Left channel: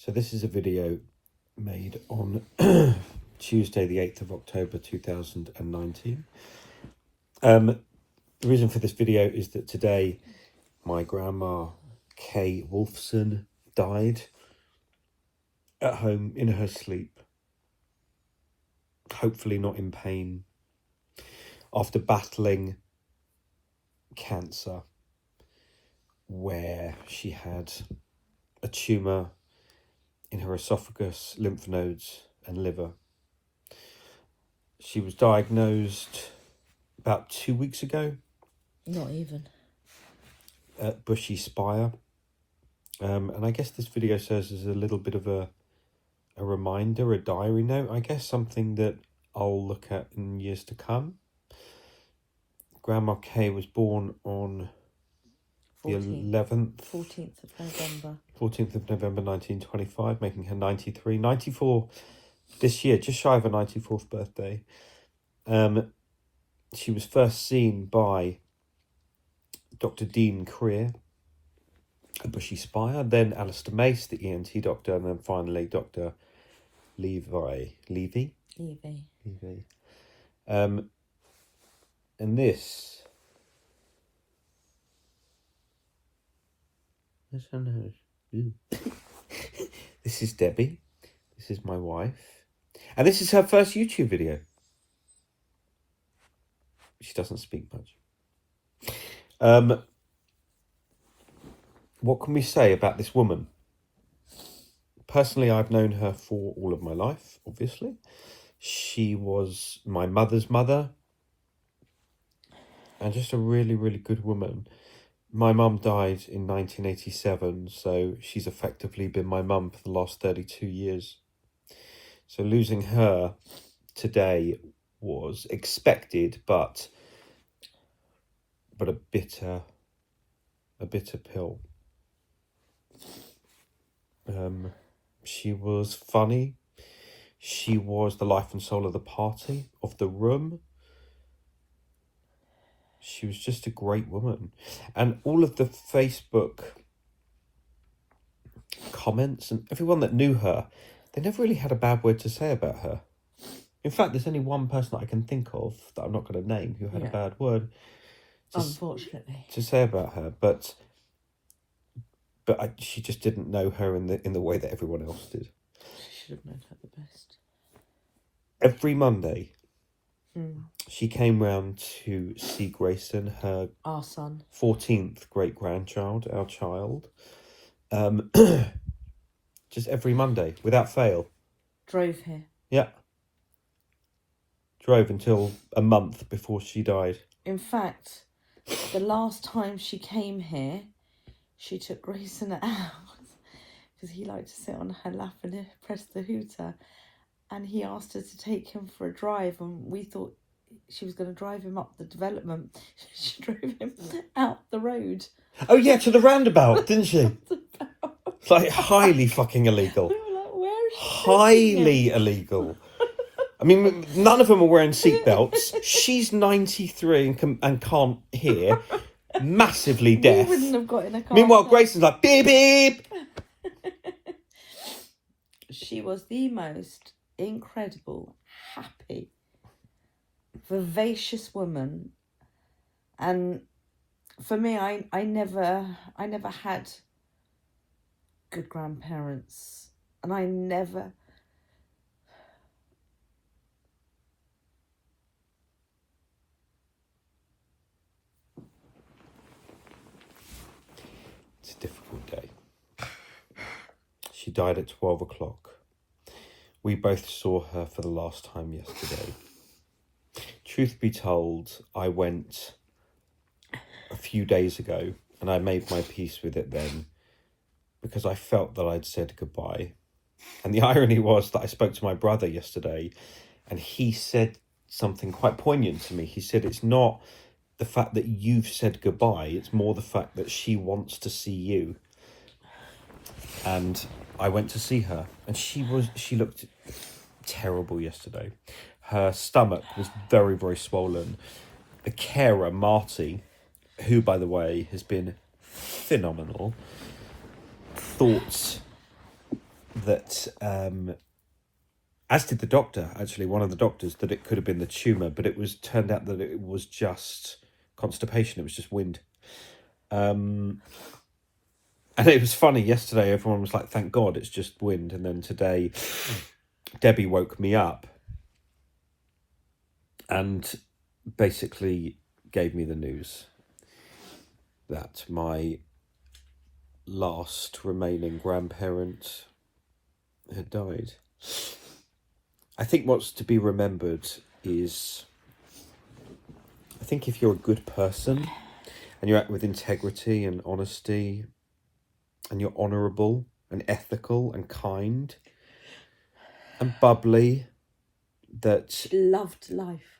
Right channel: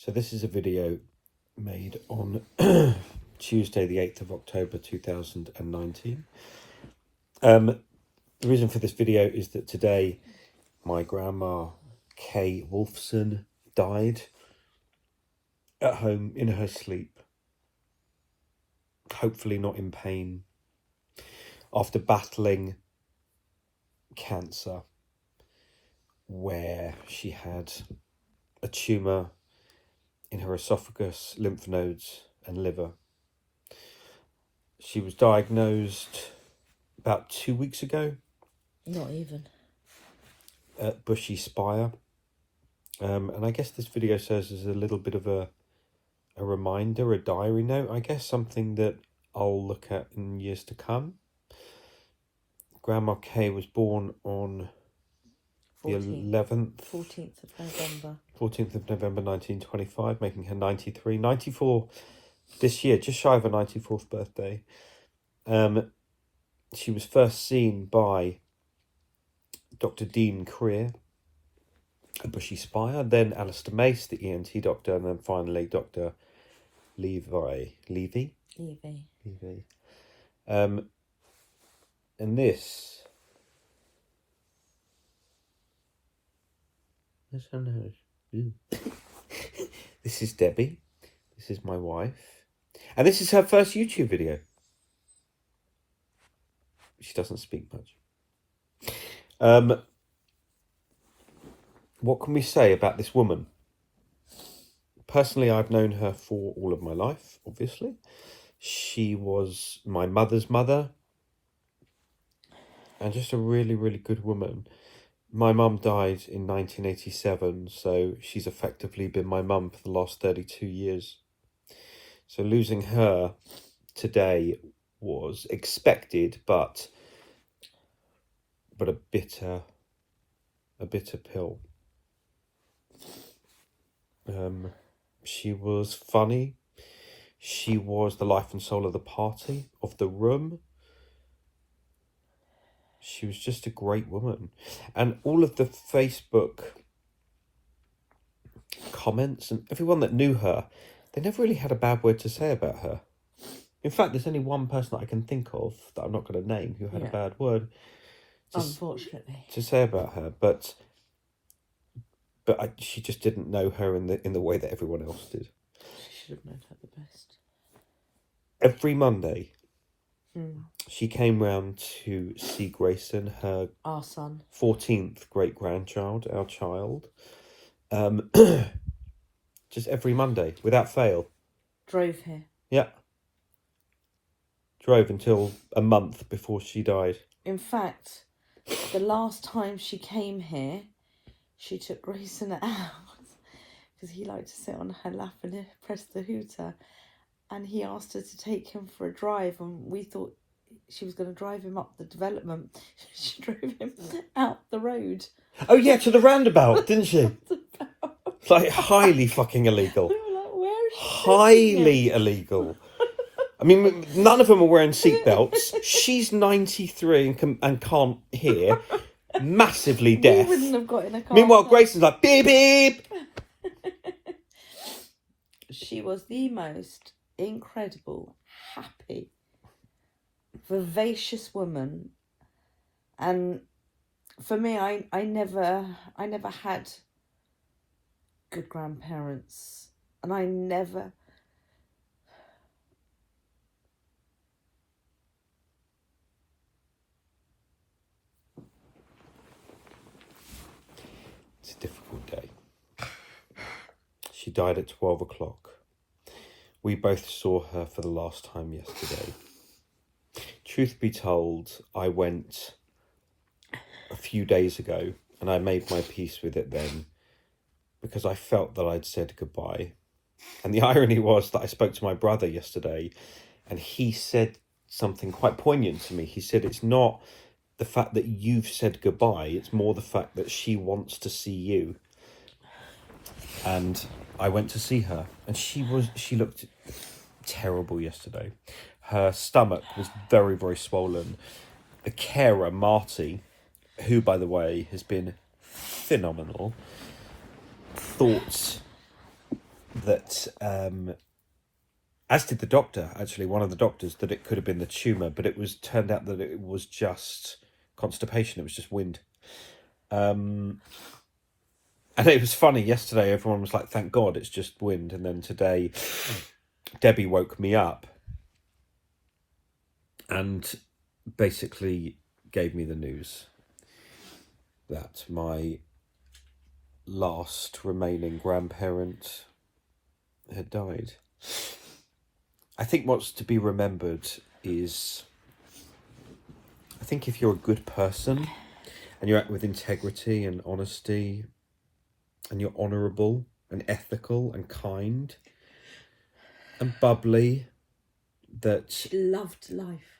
So this is a video made on Tuesday the 8th of October 2019. The reason for this video is that today my grandma Kay Woolfson died at home in her sleep, hopefully not in pain, after battling cancer where she had a tumour in her esophagus, lymph nodes and liver. She was diagnosed about 2 weeks ago. Not even. At Bushy Spire. And I guess this video serves as a little bit of a reminder, a diary note, I guess, something that I'll look at in years to come. Grandma Kay was born on the 14th of November. 14th of November 1925, making her 94 this year, just shy of her 94th birthday. She was first seen by Dr. Dean Creer at Bushy Spire, then Alistair Mace, the ENT doctor, and then finally Dr. Levy. And this this is Debbie. This is my wife. And this is her first YouTube video. She doesn't speak much. What can we say about this woman? Personally, I've known her for all of my life, obviously. She was my mother's mother. And just a really, really good woman. My mum died in 1987, so she's effectively been my mum for the last 32 years. So losing her today was expected, but a bitter pill. She was funny. She was the life and soul of the party, of the room. She was just a great woman. And all of the Facebook comments and everyone that knew her, they never really had a bad word to say about her. In fact, there's only one person that I can think of that I'm not going to name who had a bad word Unfortunately. to say about her. But she just didn't know her in the way that everyone else did. She should have known her the best. Every Monday, she came round to see Grayson, our son, 14th great-grandchild, our child. Just every Monday, without fail. Drove here. Yeah. Drove until a month before she died. In fact, the last time she came here, she took Grayson out because he liked to sit on her lap and press the hooter. And he asked her to take him for a drive, and we thought she was going to drive him up the development. She drove him out the road. Oh yeah, to the roundabout, didn't she? Like, highly fucking illegal. We were like, where is she Highly illegal. I mean, none of them are wearing seatbelts. She's 93 and can't hear. Massively deaf. We wouldn't have got in a car. Meanwhile, Grayson's like, beep, beep. She was the most incredible, happy, vivacious woman. And for me, I never had good grandparents, and I never It's a difficult day. She died at 12 o'clock. We both saw her for the last time yesterday. Truth be told, I went a few days ago and I made my peace with it then because I felt that I'd said goodbye. And the irony was that I spoke to my brother yesterday and he said something quite poignant to me. He said, it's not the fact that you've said goodbye, it's more the fact that she wants to see you. And I went to see her, and she looked terrible yesterday. Her stomach was very, very swollen. The carer, Marty, who, by the way, has been phenomenal, thought that, as did the doctor, actually, one of the doctors, that it could have been the tumour, but turned out that it was just constipation. It was just wind. And it was funny, yesterday everyone was like, thank God it's just wind. And then today, Debbie woke me up and basically gave me the news that my last remaining grandparent had died. I think what's to be remembered is, I think if you're a good person and you act with integrity and honesty and you're honourable and ethical and kind and bubbly, that She loved life.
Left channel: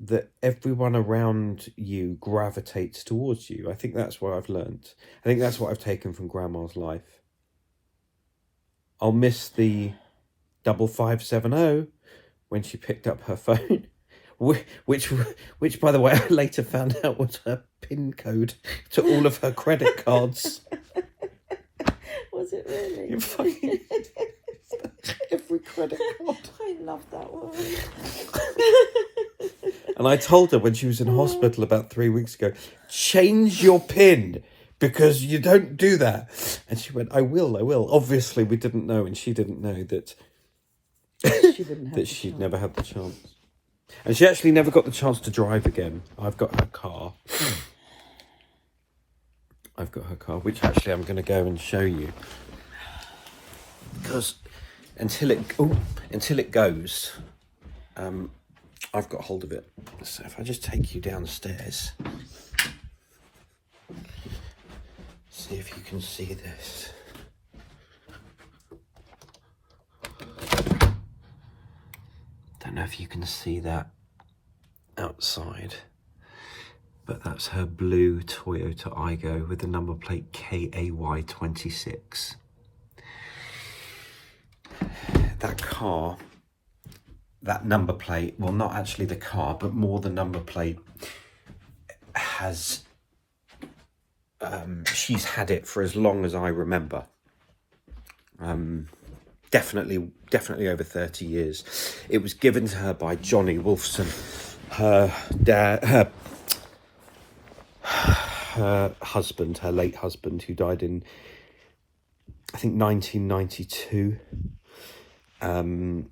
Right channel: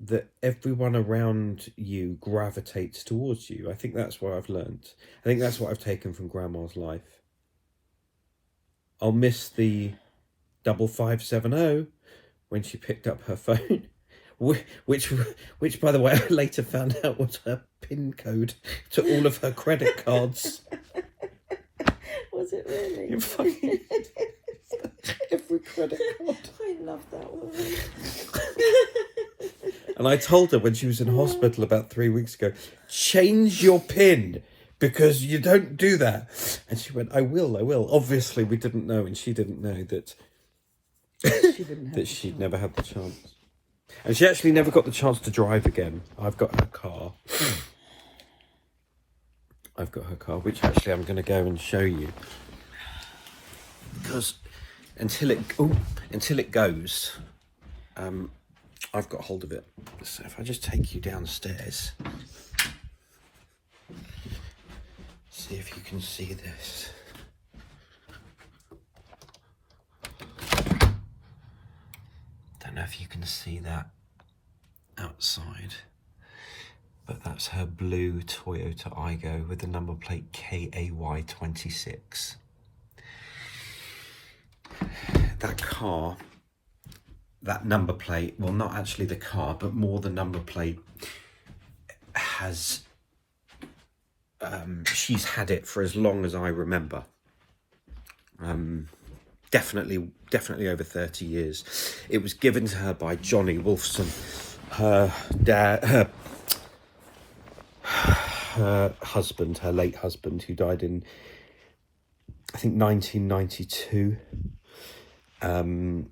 That everyone around you gravitates towards you. I think that's what I've learnt. I think that's what I've taken from Grandma's life. I'll miss the 5570 when she picked up her phone, which by the way, I later found out was her PIN code to all of her credit cards. Was it really? You fucking every credit card. I love that one. And I told her when she was in hospital about 3 weeks ago, change your PIN because you don't do that. And she went, I will. Obviously, we didn't know, and she didn't know that she'd never had the chance. And she actually never got the chance to drive again. I've got her car. Which actually I'm going to go and show you. Because until it goes, I've got hold of it. So if I just take you downstairs, see if you can see this. Don't know if you can see that outside, but that's her blue Toyota Aygo with the number plate KAY26. That car, that number plate, well, not actually the car, but more the number plate, has, she's had it for as long as I remember. Definitely over 30 years. It was given to her by Johnny Woolfson, her husband, her late husband, who died in, I think, 1992. And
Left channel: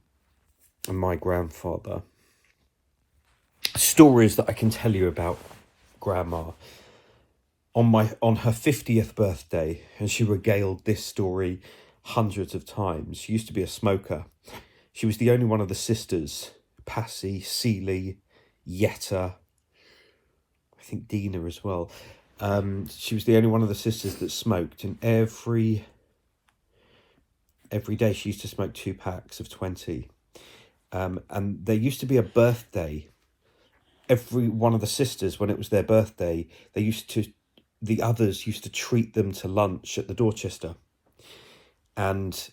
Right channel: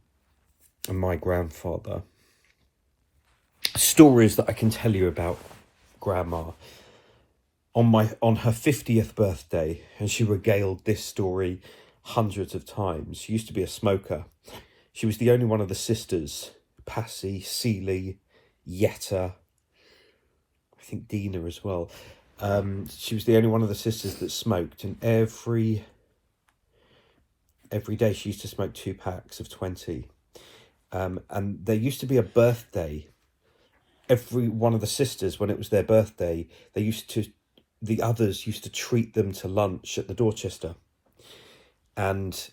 my grandfather. Stories that I can tell you about Grandma. On her 50th birthday, and she regaled this story hundreds of times. She used to be a smoker. She was the only one of the sisters, Passy, Celie, Yetta, I think Dina as well. She was the only one of the sisters that smoked, and every day she used to smoke 2 packs of 20. And there used to be a birthday. Every one of the sisters, when it was their birthday, the others used to treat them to lunch at the Dorchester. And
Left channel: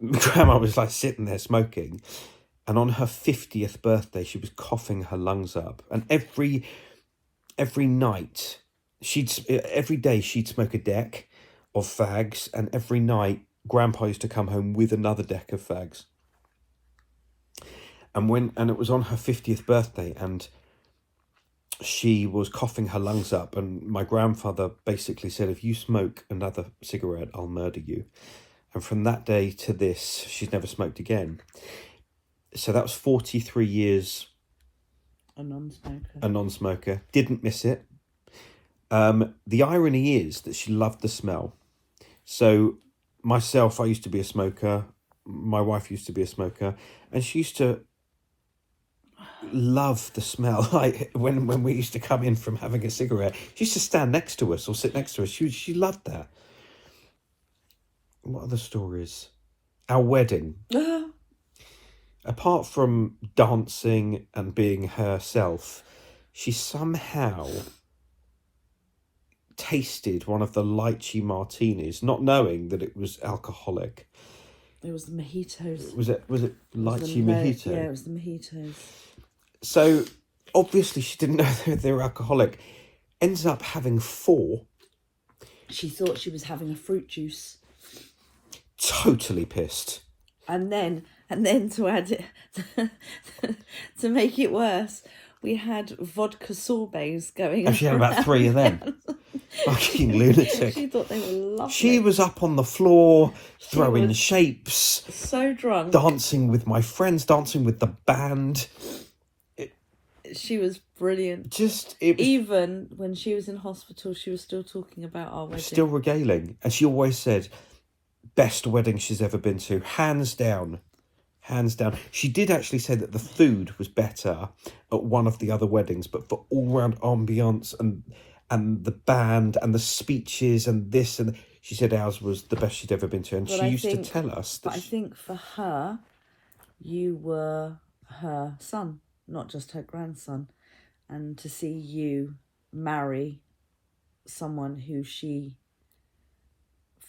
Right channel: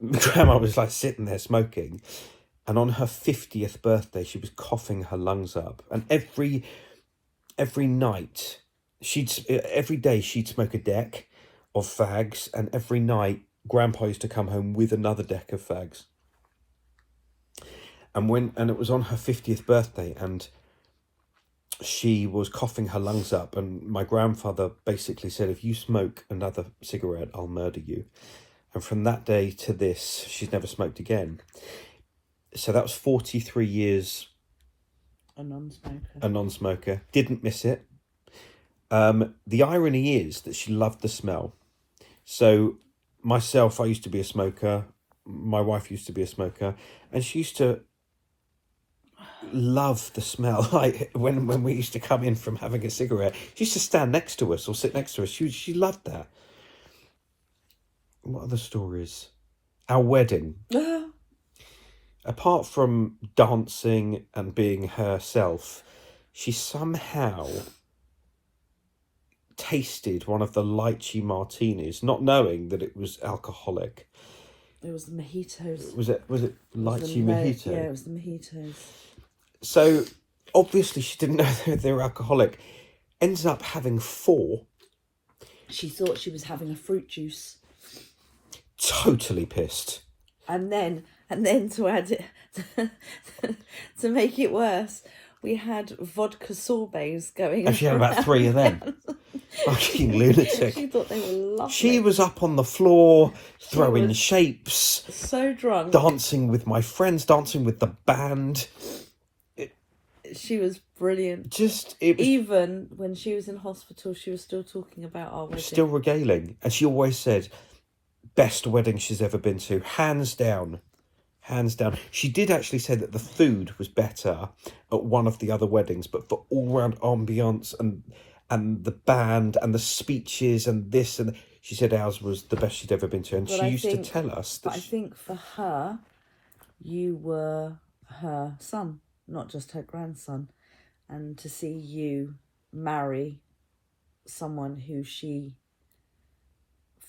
Grandma was like sitting there smoking. And on her 50th birthday, she was coughing her lungs up. And every night, every day she'd smoke a deck of fags. And every night, Grandpa used to come home with another deck of fags. And it was on her 50th birthday, and she was coughing her lungs up, and my grandfather basically said, if you smoke another cigarette, I'll murder you. And from that day to this, she's never smoked again. So that was 43 years a non-smoker. A non-smoker. Didn't miss it. The irony is that she loved the smell. So myself, I used to be a smoker. My wife used to be a smoker, and she used to love the smell. Like when we used to come in from having a cigarette, she used to stand next to us or sit next to us. She loved that. What other stories? Our wedding. Apart from dancing and being herself, she somehow tasted one of the lychee martinis, not knowing that it was alcoholic. It was the mojitos. Was it lychee mojito? Yeah, it was the mojitos. So obviously she didn't know they were alcoholic. Ends up having 4. She thought she was having a fruit juice. totally pissed. And then to add it, to make it worse, we had vodka sorbets going. And she had about 3 of them. Fucking lunatic. She thought they were lovely. She was up on the floor, throwing shapes. So drunk. Dancing with my friends, dancing with the band. She was brilliant. Even when she was in hospital, she was still talking about our wedding. Still regaling. And she always said, best wedding she's ever been to. Hands down. Hands down. She did actually say that the food was better at one of the other weddings, but for all-round ambience and the band and the speeches and this and she said ours was the best she'd ever been to. And she used to tell us that... I think for her, you were her son, not just her grandson. And to see you marry someone who she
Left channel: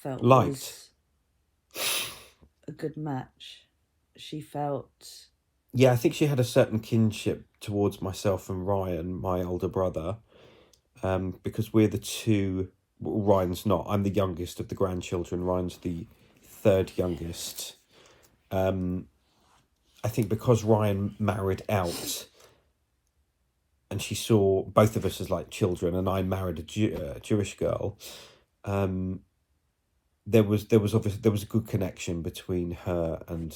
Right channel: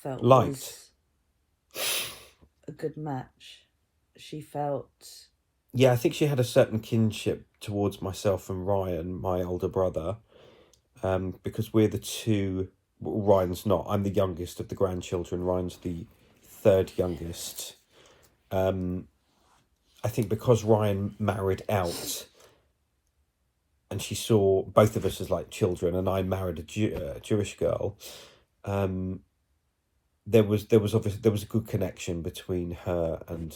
felt was a good match. She felt... Yeah, I think she had a certain kinship towards myself and Ryan, my older brother, because we're the two... Well, Ryan's not. I'm the youngest of the grandchildren. Ryan's the third youngest. I think because Ryan married out and she saw both of us as like children, and I married a Jewish girl, there was a good connection between her and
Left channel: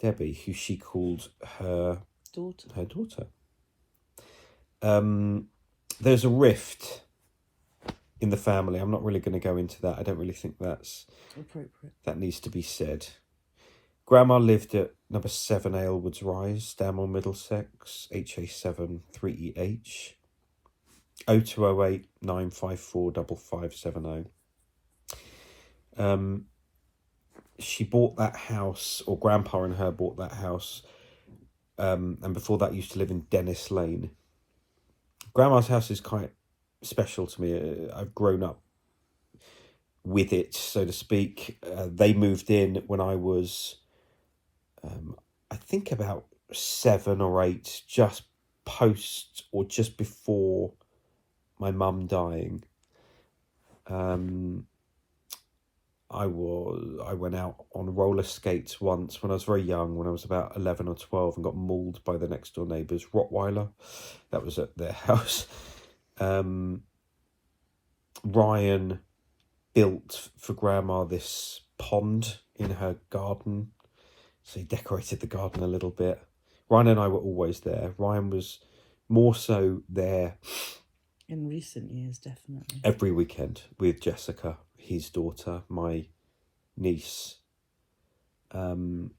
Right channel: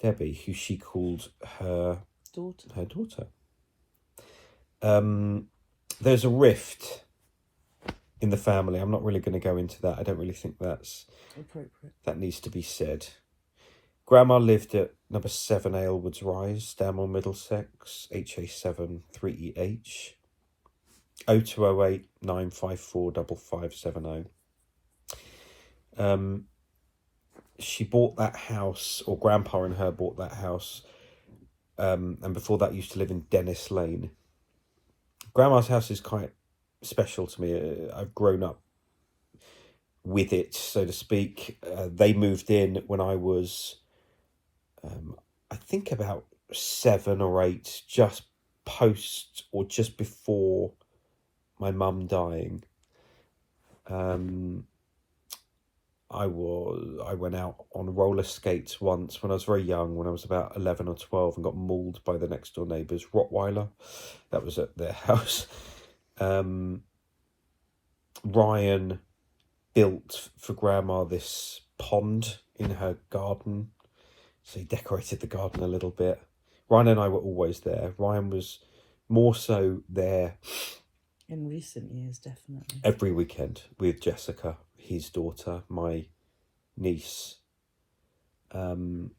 Debbie, who she called her daughter. There's a rift in the family. I'm not really going to go into that. I don't really think that's appropriate. That needs to be said. Grandma lived at number 7 Aylwoods Rise, Stanmore, Middlesex, HA7 3EH, 0208 954 5570. She bought that house, or Grandpa and her bought that house, and before that used to live in Dennis Lane. Grandma's house is quite special to me. I've grown up with it, so to speak. They moved in when I was, I think about 7 or 8, just post or just before my mum dying. I went out on roller skates once when I was very young, when I was about 11 or 12, and got mauled by the next door neighbour's Rottweiler. That was at their house. Ryan built for Grandma this pond in her garden, so he decorated the garden a little bit. Ryan and I were always there. Ryan was more so there in recent years, definitely every weekend with Jessica, his daughter, my niece. And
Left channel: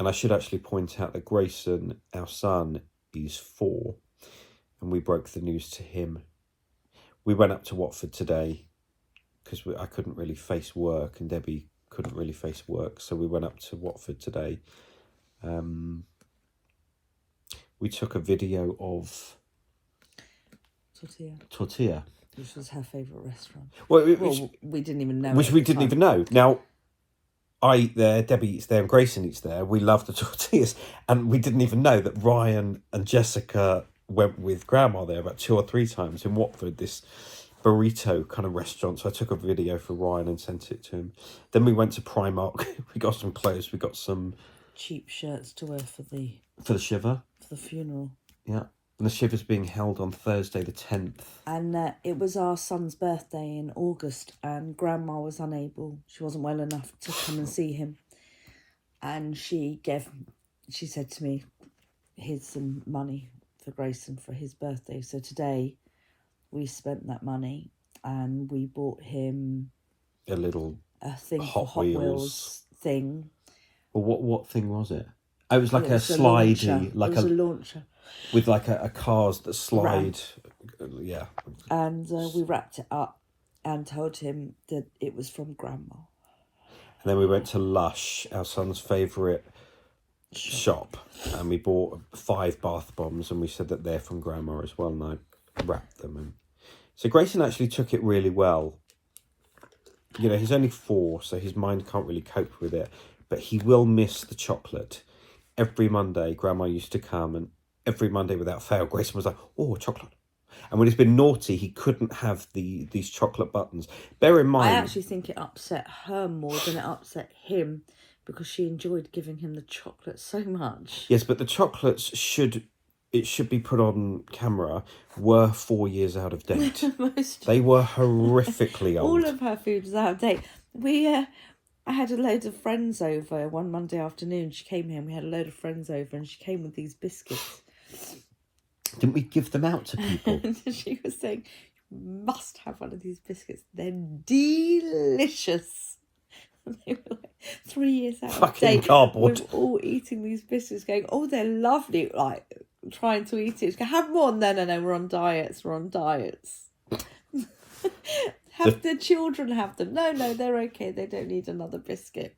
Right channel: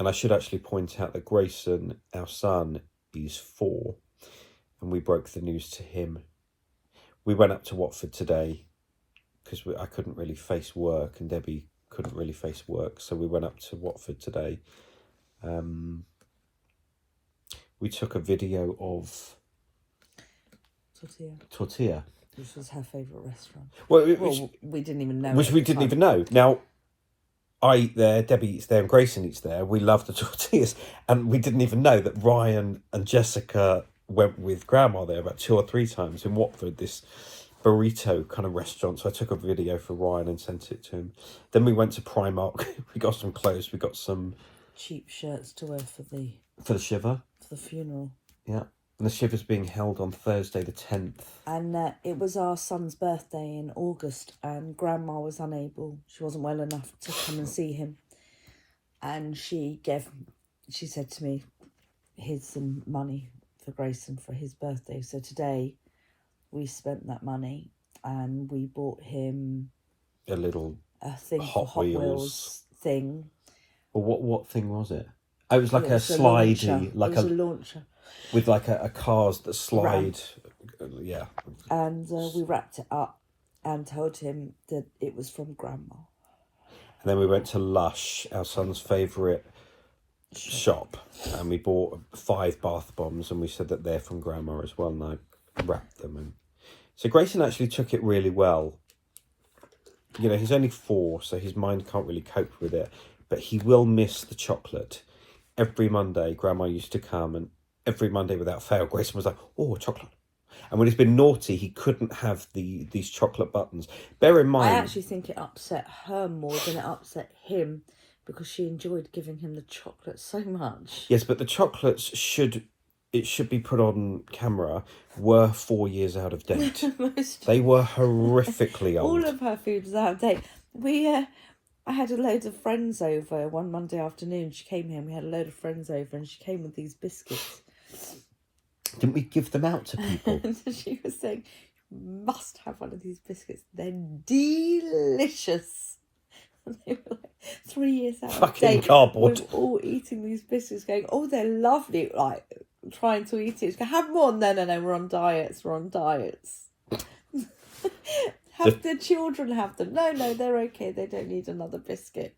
I should actually point out that Grayson, our son, is 4, and we broke the news to him. We went up to Watford today because I couldn't really face work, and Debbie couldn't really face work, so we went up to Watford today. We took a video of Tortilla, which was her favourite restaurant. Well, we didn't even know. Which we didn't even know. Now, I eat there, Debbie eats there, and Grayson eats there. We love the tortillas, and we didn't even know that Ryan and Jessica went with Grandma there about 2 or 3 times in Watford, this burrito kind of restaurant. So I took a video for Ryan and sent it to him. Then we went to Primark. We got some clothes. We got some cheap shirts to wear for the shiver, for the funeral. Yeah, and the shiver's being held on Thursday the 10th. And it was our son's birthday in August, and Grandma was unable. She wasn't well enough to come and see him, and she said to me, "Here's some money for Grayson for his birthday." So today we spent that money and we bought him a thing, Hot Wheels thing. Well, what thing was it? Oh, it was like a slidey, like a launcher with like a cars that slide. Yeah. And we wrapped it up and told him that it was from Grandma. And then we went to Lush, our son's favourite shop, and we bought 5 bath bombs, and we said that they're from Grandma as well, and I wrapped them. And so Grayson actually took it really well. You know, he's only 4, so his mind can't really cope with it, but he will miss the chocolate. Every Monday, Grandma used to come, and every Monday without fail, Grayson was like, "Oh, chocolate." And when he's been naughty, he couldn't have these chocolate buttons. Bear in mind, I actually think it upset her more than it upset him, because she enjoyed giving him the chocolate so much. Yes, but the chocolates should be put on camera, were 4 years out of date. They were horrifically old. All of her food was out of date. I had a load of friends over one Monday afternoon. She came here and we had a load of friends over, and she came with these biscuits. Didn't we give them out to people? And she was saying, you must have one of these biscuits. They're delicious. And they were like 3 years out of Fucking date. cardboard. We were all eating these biscuits going, oh, they're lovely. Like, trying to eat it. Go, have more. No, we're on diets. Have the children have them? No, they're okay. They don't need another biscuit.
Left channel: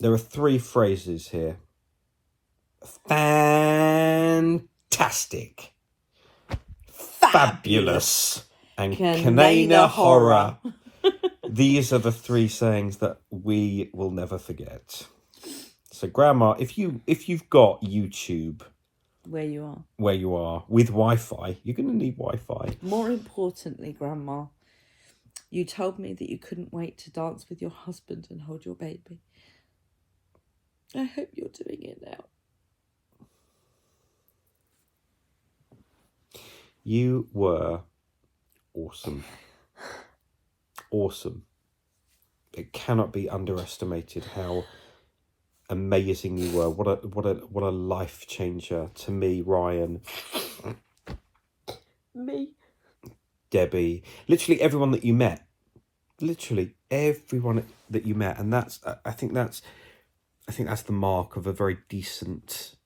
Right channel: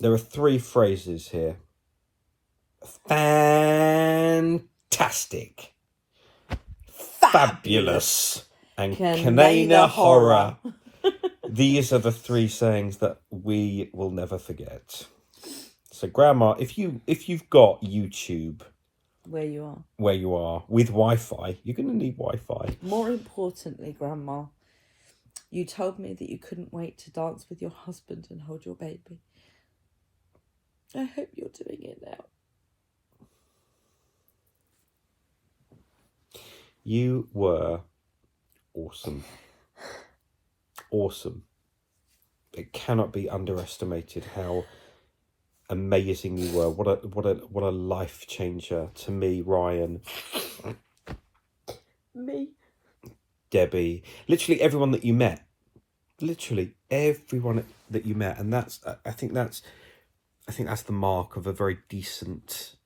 There are 3 phrases here. Fantastic. Fabulous. And Canana horror. These are the 3 sayings that we will never forget. So, Grandma, if you've got YouTube where you are with Wi-Fi, you're going to need Wi-Fi. More importantly, Grandma, you told me that you couldn't wait to dance with your husband and hold your baby. I hope you're doing it now. You were awesome. Awesome. It cannot be underestimated how amazing you were. What a life changer to me, Ryan. Me. Debbie. Literally everyone that you met. Literally everyone that you met. And I think that's the mark of a very decent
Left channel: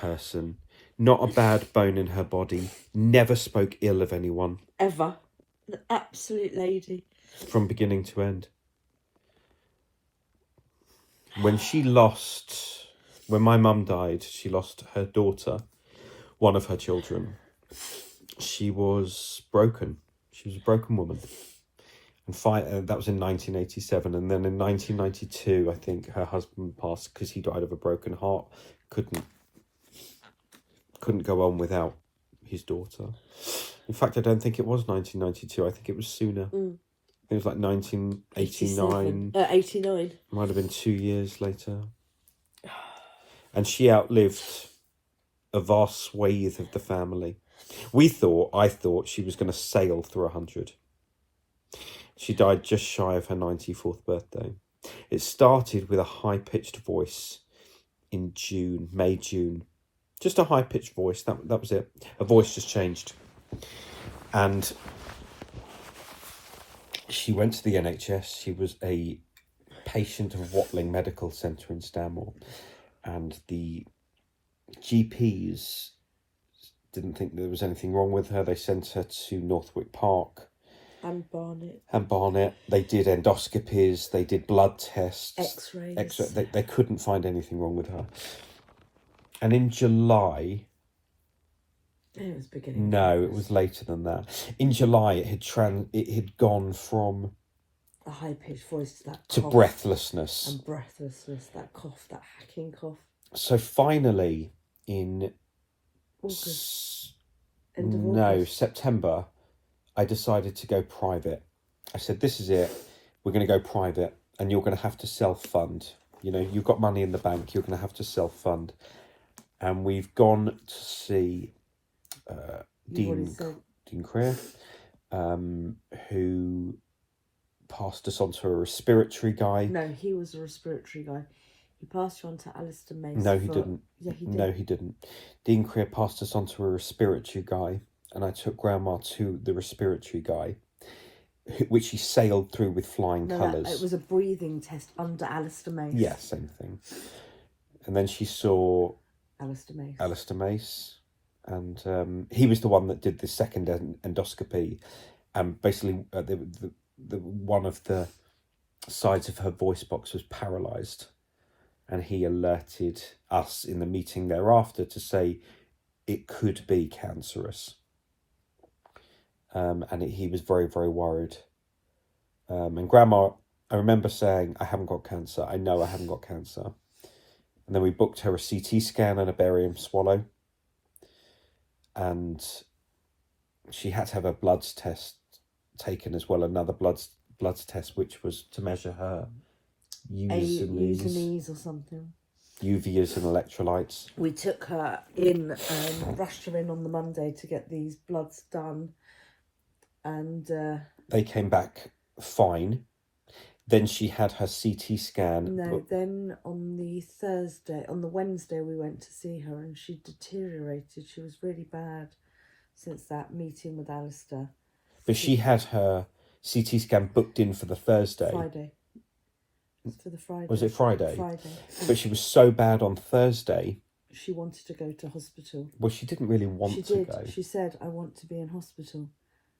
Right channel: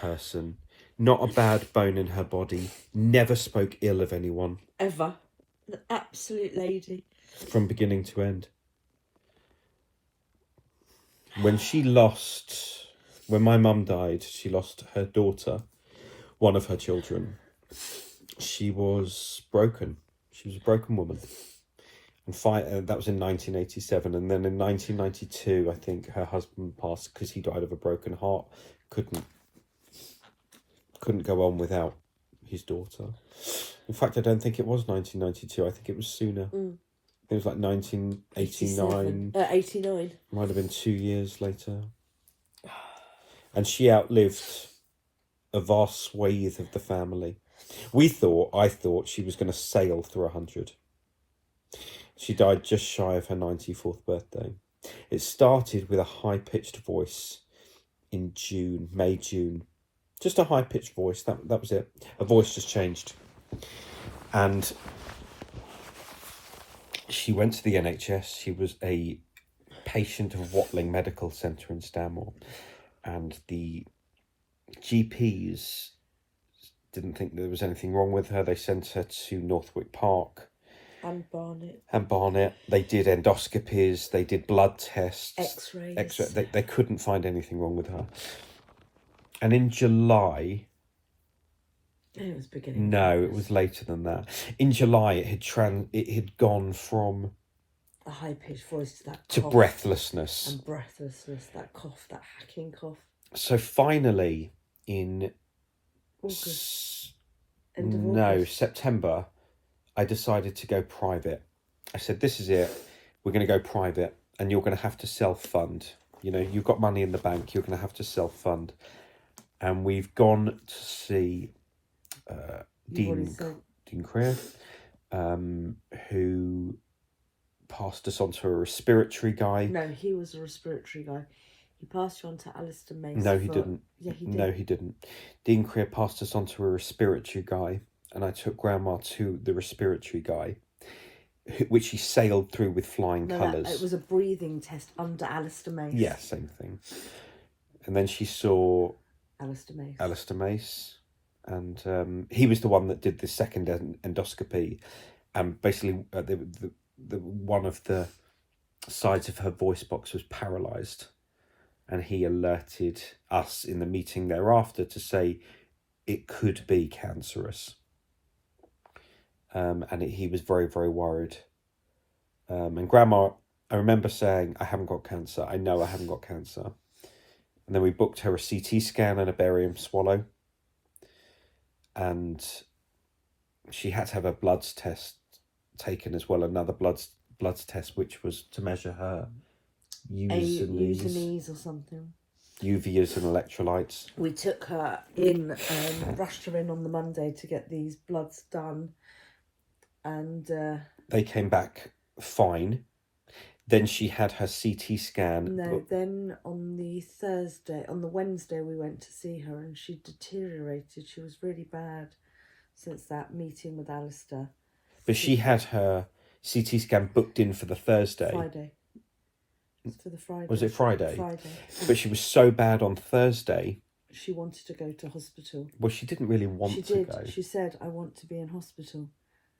person. Not a bad bone in her body. Never spoke ill of anyone. Ever. An absolute lady. From beginning to end. When my mum died, she lost her daughter, one of her children. She was broken. She was a broken woman. And that was in 1987. And then in 1992, I think her husband passed because he died of a broken heart. Couldn't go on without his daughter. In fact, I don't think it was 1992. I think it was sooner. It was like 1989. 89. Might have been 2 years later. And she outlived a vast swathe of the family. I thought she was going to sail through 100. She died just shy of her 94th birthday. It started with a high-pitched voice in May, June. Just a high-pitched voice. That was it. Her voice just changed. And she went to the NHS. She was a patient of Watling Medical Centre in Stanmore. And the GPs didn't think there was anything wrong with her. They sent her to Northwick Park. And Barnet. They did endoscopies. They did blood tests. X-rays. They couldn't find anything wrong with her. And in July... It was beginning. No, it was later than that. In July, it had gone from a high-pitched voice to cough, breathlessness. And breathlessness, that cough, that hacking cough. So finally, in August. September, I decided to go private. I said, this is it. We're going to go private, and you're going to have to self-fund. You know, you've got money in the bank. You're going to have to self-fund. And we've gone to see Dean Creer, who passed us on to a respiratory guy. No, he was a respiratory guy. He passed you on to Alistair Mace. No, he didn't. Yeah, he did. No, he didn't. Dean Creer passed us on to a respiratory guy, and I took Grandma to the respiratory guy, which he sailed through with flying colours. It was a breathing test under Alistair Mace. Yeah, same thing. And then she saw Alistair Mace. And he was the one that did the second endoscopy, and basically the one of the sides of her voice box was paralysed, and he alerted us in the meeting thereafter to say it could be cancerous, and he was very, very worried. And Grandma, I remember saying, I haven't got cancer. I know I haven't got cancer. And then we booked her a CT scan and a barium swallow. And she had to have a bloods test taken as well, another bloods test, which was to measure her Usenes or something. UVs and electrolytes. We took her in, rushed her in on the Monday to get these bloods done, and they came back fine. Then she had her CT scan. No, then on the Wednesday we went to see her, and she deteriorated. She was really bad since that meeting with Alistair. But she had her CT scan booked in for the Thursday. Friday. It's for the Friday. Was it Friday? Friday. But she was so bad on Thursday. She wanted to go to hospital. Well, she didn't really want to go. She said, I want to be in hospital.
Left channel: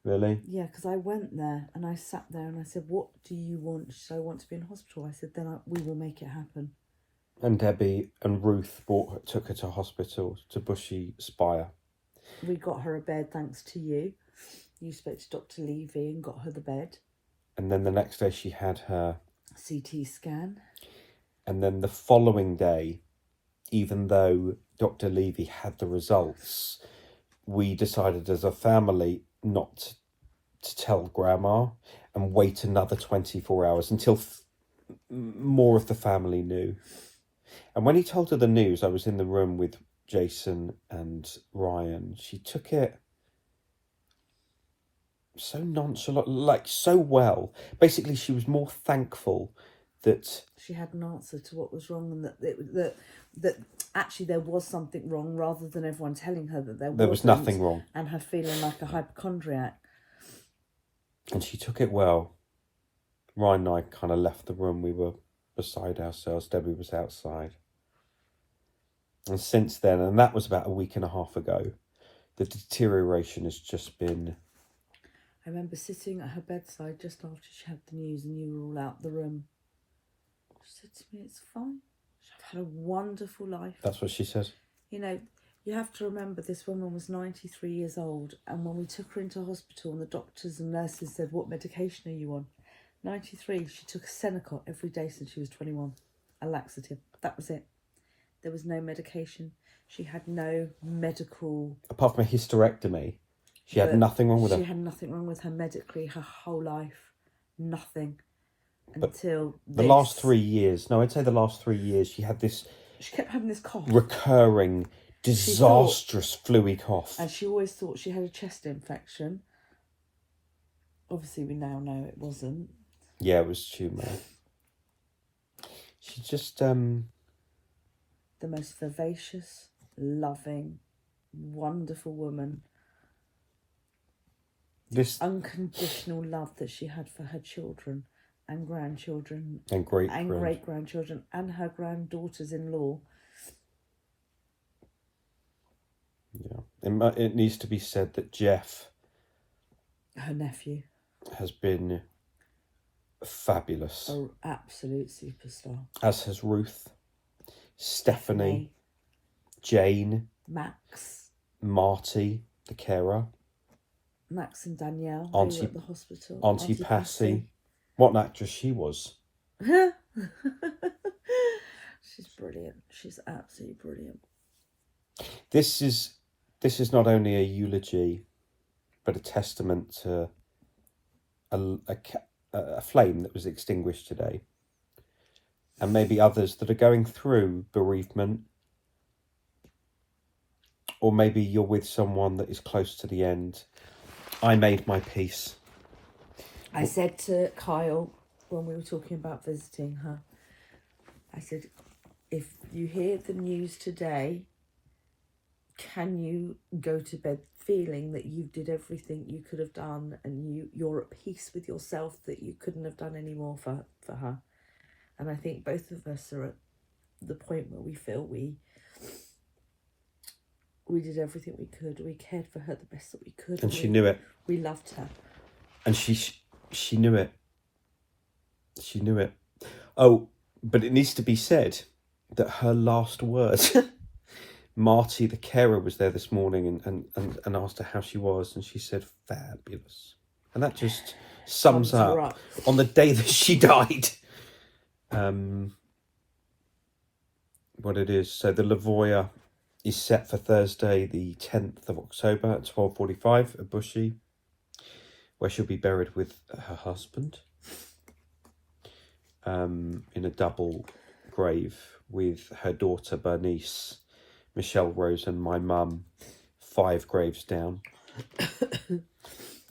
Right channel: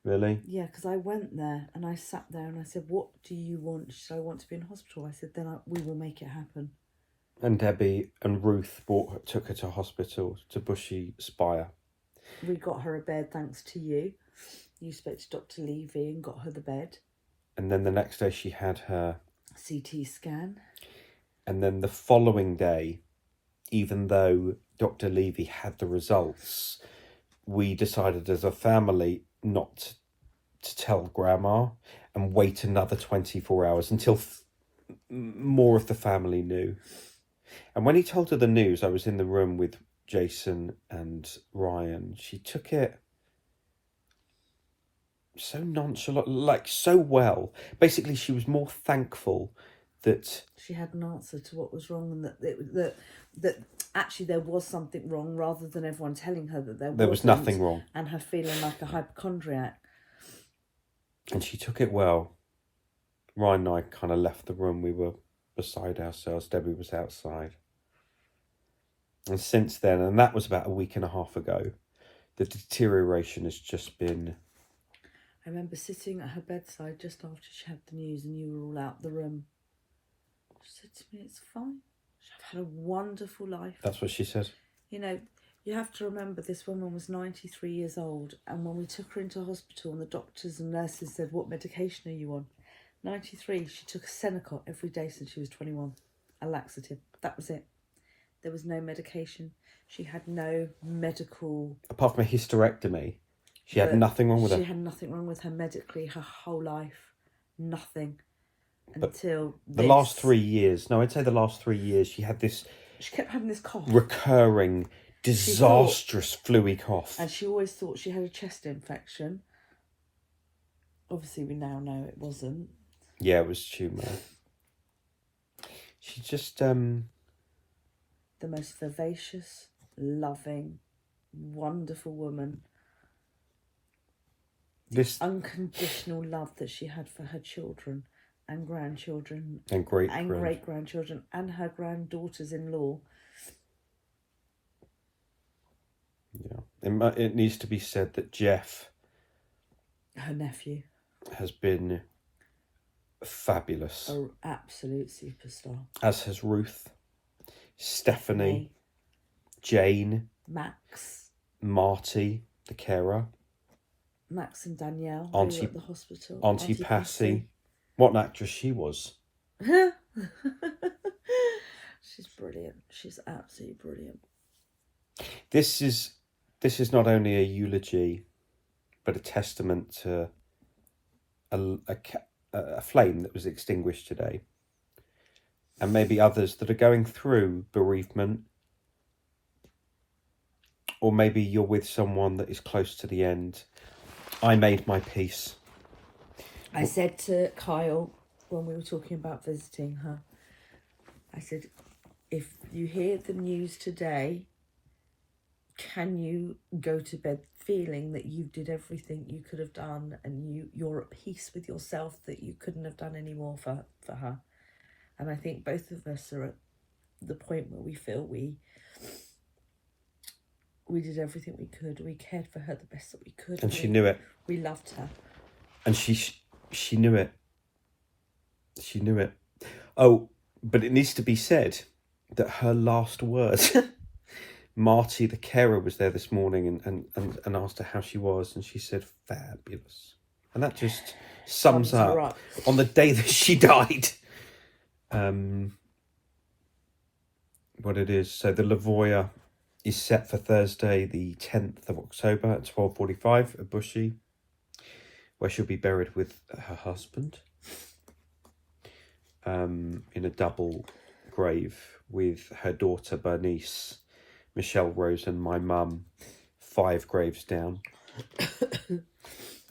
Really? Yeah, because I went there and I sat there and I said, what do you want? She said, I want to be in hospital. I said, then we will make it happen. And Debbie and Ruth took her to hospital, to Bushy Spire. We got her a bed thanks to you. You spoke to Dr. Levy and got her the bed. And then the next day she had her CT scan. And then the following day, even though Dr. Levy had the results, we decided as a family not to tell Grandma and wait another 24 hours until more of the family knew. And when he told her the news, I was in the room with Jason and Ryan. She took it so nonchalant, like so well. Basically, she was more thankful that she had an answer to what was wrong, and that actually there was something wrong, rather than everyone telling her that there was nothing wrong, and her feeling like a hypochondriac. And she took it well. Ryan and I kind of left the room. We were beside ourselves. Debbie was outside. And since then, and that was about a week and a half ago, the deterioration has just been... I remember sitting at her bedside just after she had the news and you were all out the room. She said to me, it's fine. I've had a wonderful life. That's what she said. You know, you have to remember this woman was 93 years old, and when we took her into hospital and the doctors and nurses said, what medication are you on? 93, she took a Senecot every day since she was 21, a laxative. That was it. There was no medication. She had no medical... Apart from a hysterectomy, she had nothing wrong with her. She had nothing wrong with her medically her whole life. Nothing. Until the last 3 years, no, I'd say the last 3 years, she had this... She kept having this cough. Recurring, disastrous fluey cough. And she always thought she had a chest infection. Obviously, we now know it wasn't. Yeah, it was tumour. She just... The most vivacious, loving, wonderful woman. This unconditional love that she had for her children and grandchildren and great-grandchildren and her granddaughters-in-law. Yeah, it needs to be said that Jeff, her nephew, has been fabulous. An absolute superstar. As has Ruth, Stephanie, Jane, Max, Marty, the carer, Max and Danielle, Auntie, who were at the hospital. Auntie Passy. What an actress she was. She's brilliant. She's absolutely brilliant. This is not only a eulogy, but a testament to a flame that was extinguished today. And maybe others that are going through bereavement. Or maybe you're with someone that is close to the end. I made my peace. I said to Kyle when we were talking about visiting her, I said, if you hear the news today, can you go to bed feeling that you did everything you could have done and you're at peace with yourself, that you couldn't have done any more for her? And I think both of us are at the point where we feel we did everything we could. We cared for her the best that we could. And she knew it. We loved her. And she knew it. She knew it. Oh, but it needs to be said that her last words... Marty, the carer, was there this morning and asked her how she was, and she said, fabulous. And that just sums up right. On the day that she died. What it is. So the Lavoya is set for Thursday, the 10th of October at 12:45 at Bushy, where she'll be buried with her husband in a double grave with her daughter Bernice, Michelle Rose, and my mum 5 graves down.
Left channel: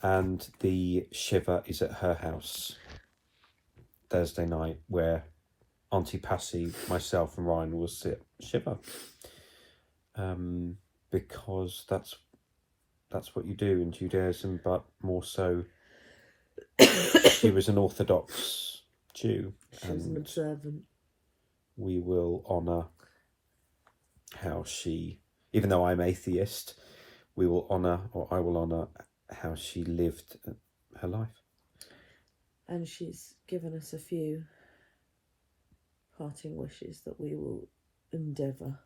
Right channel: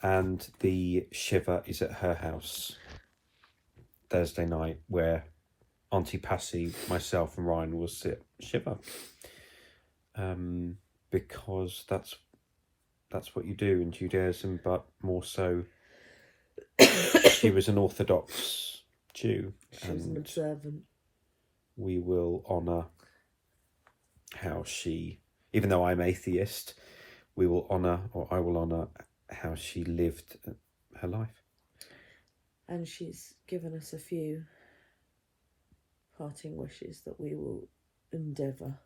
And the Shiva is at her house Thursday night, where Auntie Passy, myself and Ryan will sit Shiva. Because that's what you do in Judaism, but more so she was an Orthodox Jew. She was an observant. We will honour how she, even though I'm atheist, we will honour, or I will honour, how she lived her life. And she's given us a few parting wishes that we will endeavour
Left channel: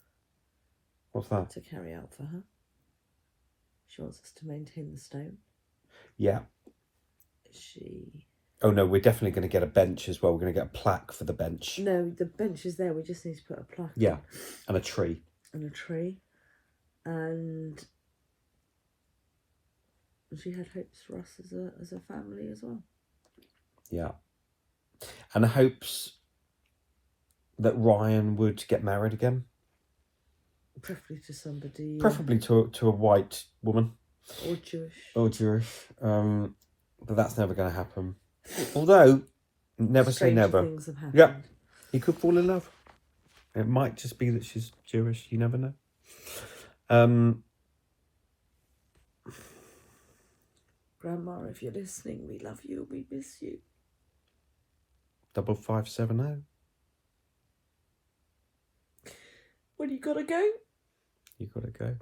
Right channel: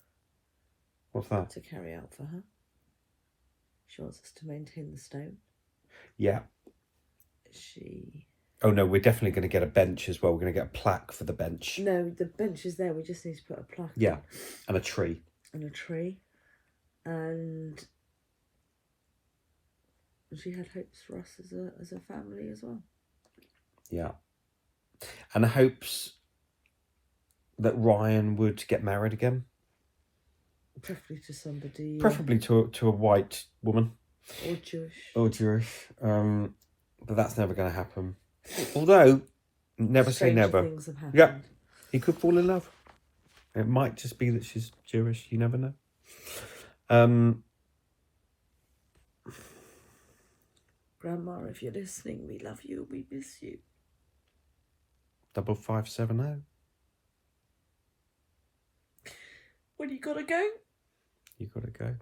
What's that? to carry out for her. She wants us to maintain the stone. Yeah. Oh no, we're definitely going to get a bench as well. We're going to get a plaque for the bench. No, the bench is there. We just need to put a plaque. Yeah, on. and a tree. And a tree. And she had hopes for us as a family as well. Yeah. And hopes that Ryan would get married again. Preferably to somebody. Preferably to a white woman. Or Jewish. Or Jewish. But that's never going to happen. Although, never say never. Things have happened. Yeah. He could fall in love. It might just be that she's Jewish. You never know. Grandma, if you're listening, we love you. We miss you. 5570. When you gotta go? You gotta go.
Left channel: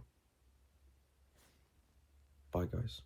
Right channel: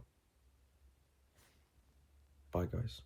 Bye, guys.